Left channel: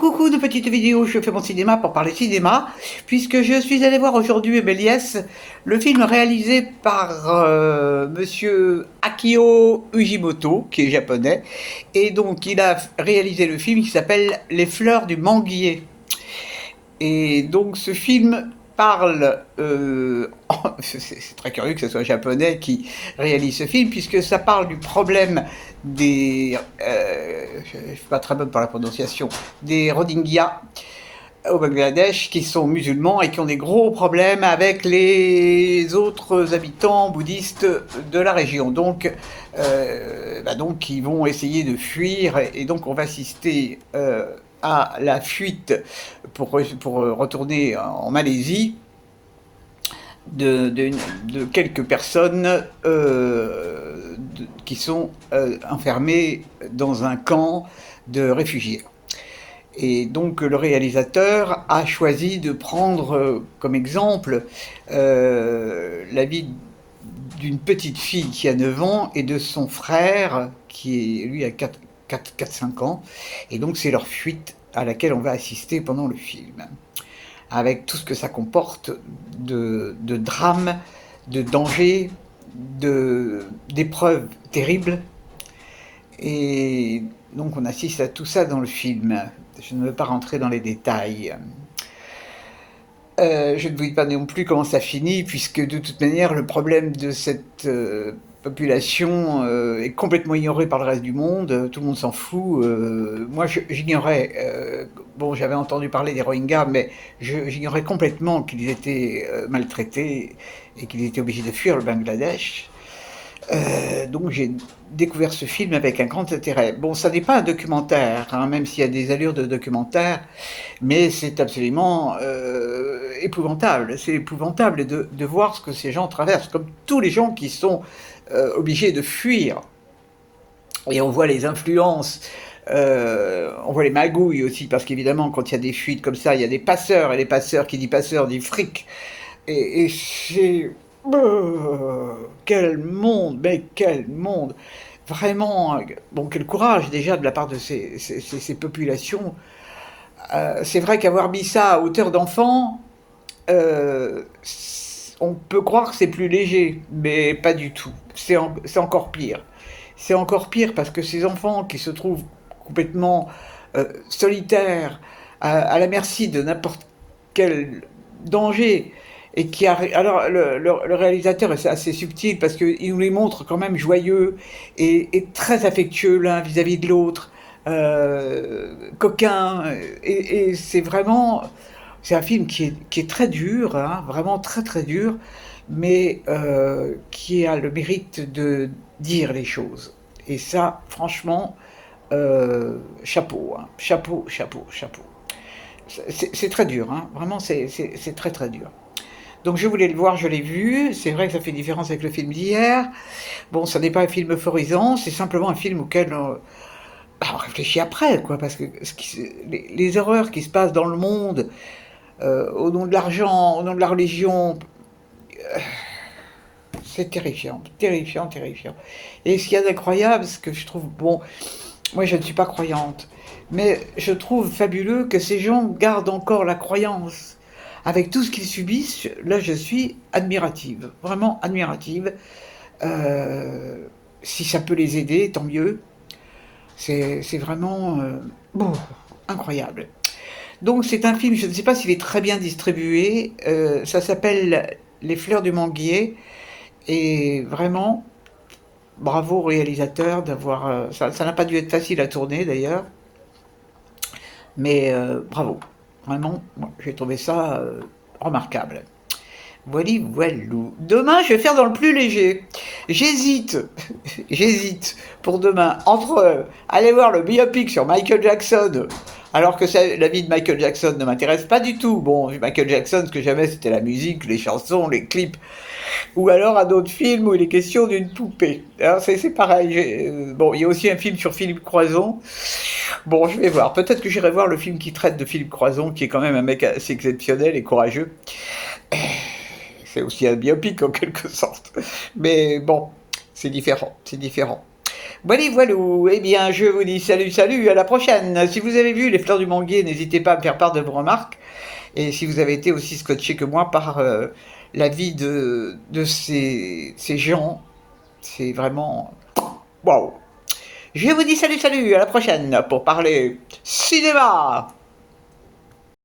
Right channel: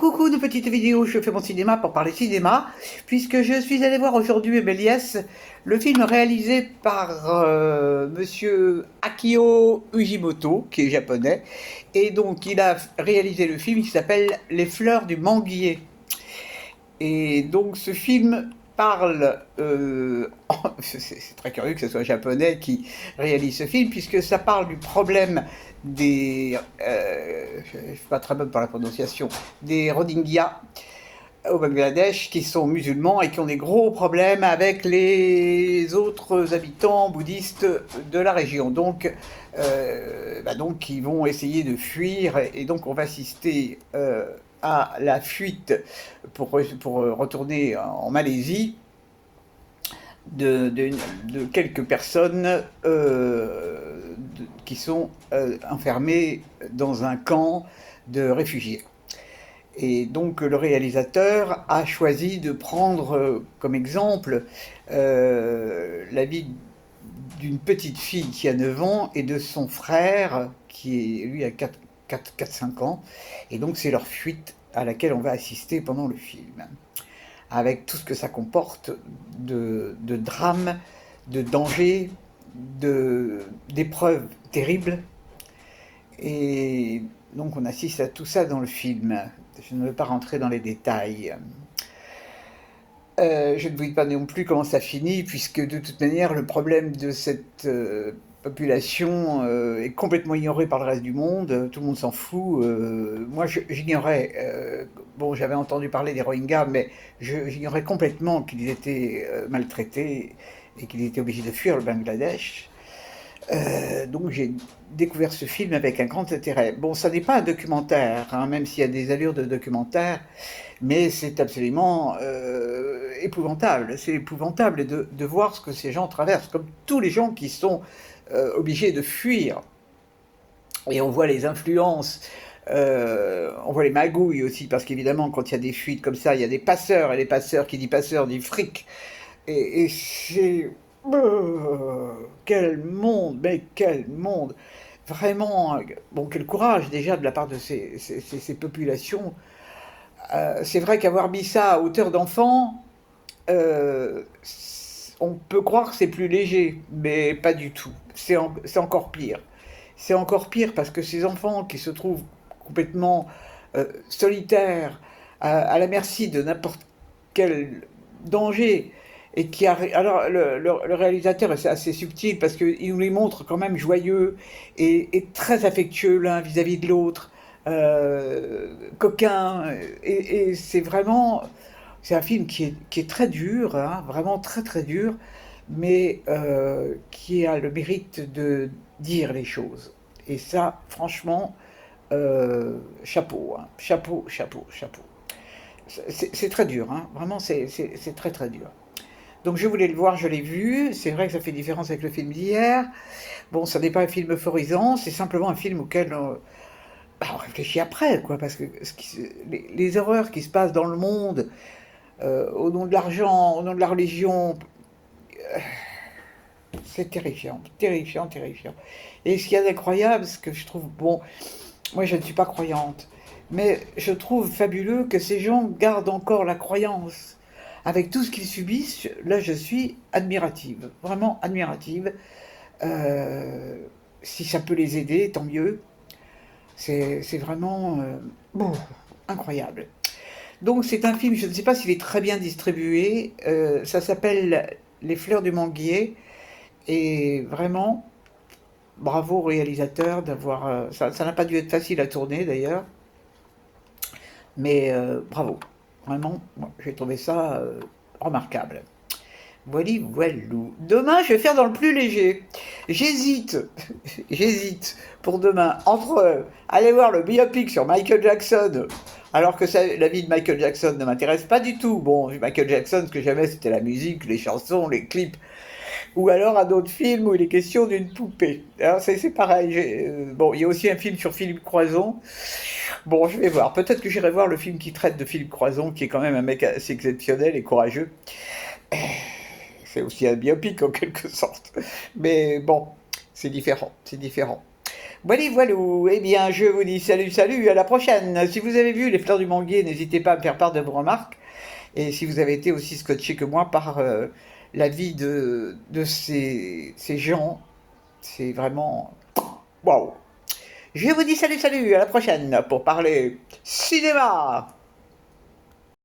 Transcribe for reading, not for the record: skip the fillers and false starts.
coucou de petites vidéos, je fais mon cinéma pour parler cinéma, puisque je suis allé voir aujourd'hui Méliès, le film réalisé par monsieur Akio Ujimoto, qui est japonais, et donc il a réalisé le film qui s'appelle Les fleurs du manguier. Et donc ce film parle, c'est très curieux que ce soit japonais qui réalise ce film, puisque ça parle du problème des, je ne suis pas très bonne pour la prononciation, des Rohingyas au Bangladesh qui sont musulmans et qui ont des gros problèmes avec les autres habitants bouddhistes de la région. Donc ils vont essayer de fuir et donc on va assister à la fuite pour retourner en Malaisie de quelques personnes qui sont enfermées dans un camp de réfugiés. Et donc le réalisateur a choisi de prendre comme exemple la vie d'une petite fille qui a 9 ans et de son frère qui lui a 4-5 ans. Et donc c'est leur fuite à laquelle on va assister pendant le film, avec tout ce que ça comporte de drames, de dangers, d'épreuves terribles. Et donc on assiste à tout ça dans le film. Je ne veux pas rentrer dans les détails. Je ne vous dis pas non plus comment ça finit, puisque de toute manière, le problème de cette population est complètement ignoré par le reste du monde. Tout le monde s'en fout. Moi, j'ignorais. Bon, j'avais entendu parler des Rohingyas, mais j'ignorais complètement qu'ils étaient maltraités et qu'ils étaient obligés de fuir le Bangladesh. Donc j'ai découvert ce film avec un grand intérêt. Bon, ça n'est pas un documentaire, hein, même s'il y a des allures de documentaire, mais c'est absolument épouvantable. C'est épouvantable de voir ce que ces gens traversent, comme tous les gens qui sont obligés de fuir. Et on voit les influences, on voit les magouilles aussi, parce qu'évidemment, quand il y a des fuites comme ça, il y a des passeurs, et les passeurs, qui dit passeurs, dit fric. Et c'est... quel monde, mais quel monde! Vraiment, bon, quel courage déjà de la part de ces populations. C'est vrai qu'avoir mis ça à hauteur d'enfant, on peut croire que c'est plus léger, mais pas du tout. C'est encore pire. C'est encore pire parce que ces enfants qui se trouvent complètement solitaires, à la merci de n'importe quel danger, et qui alors le réalisateur est assez subtil parce qu'il nous les montre quand même joyeux et très affectueux l'un vis-à-vis de l'autre, coquin, et c'est vraiment, c'est un film qui est très dur, hein, vraiment très très dur, mais qui a le mérite de dire les choses. Et ça, franchement, chapeau, hein, chapeau, chapeau, chapeau. C'est très dur, hein, vraiment c'est très très dur. Donc je voulais le voir, je l'ai vu. C'est vrai que ça fait différence avec le film d'hier. Bon, ça n'est pas un film euphorisant, c'est simplement un film auquel on réfléchit après, quoi, parce que les horreurs qui se passent dans le monde, au nom de l'argent, au nom de la religion, c'est terrifiant, terrifiant, terrifiant. Et ce qu'il y a d'incroyable, ce que je trouve, bon, moi je ne suis pas croyante, mais je trouve fabuleux que ces gens gardent encore la croyance. Avec tout ce qu'ils subissent, là je suis admirative, vraiment admirative. Si ça peut les aider, tant mieux. C'est vraiment bon, incroyable. Donc c'est un film, je ne sais pas s'il est très bien distribué, ça s'appelle Les fleurs du manguier, et vraiment, bravo au réalisateur d'avoir... ça n'a pas dû être facile à tourner d'ailleurs, mais bravo. Vraiment, j'ai trouvé ça remarquable. Voilà, voilou. Demain, je vais faire dans le plus léger. J'hésite, j'hésite pour demain entre aller voir le biopic sur Michael Jackson, alors que la vie de Michael Jackson ne m'intéresse pas du tout. Bon, Michael Jackson, ce que j'aimais, c'était la musique, les chansons, les clips. Ou alors à d'autres films où il est question d'une poupée. Alors c'est pareil. Bon, il y a aussi un film sur Philippe Croison. Bon, je vais voir. Peut-être que j'irai voir le film qui traite de Philippe Croison, qui est quand même un mec assez exceptionnel et courageux. C'est aussi un biopic en quelque sorte. Mais bon, c'est différent, c'est différent. Voilà, voilà. Eh bien, je vous dis salut, salut, à la prochaine. Si vous avez vu Les Fleurs du Manguier, n'hésitez pas à me faire part de vos remarques. Et si vous avez été aussi scotché que moi par la vie de ces gens, c'est vraiment... Waouh. Je vous dis salut, salut, à la prochaine pour parler cinéma.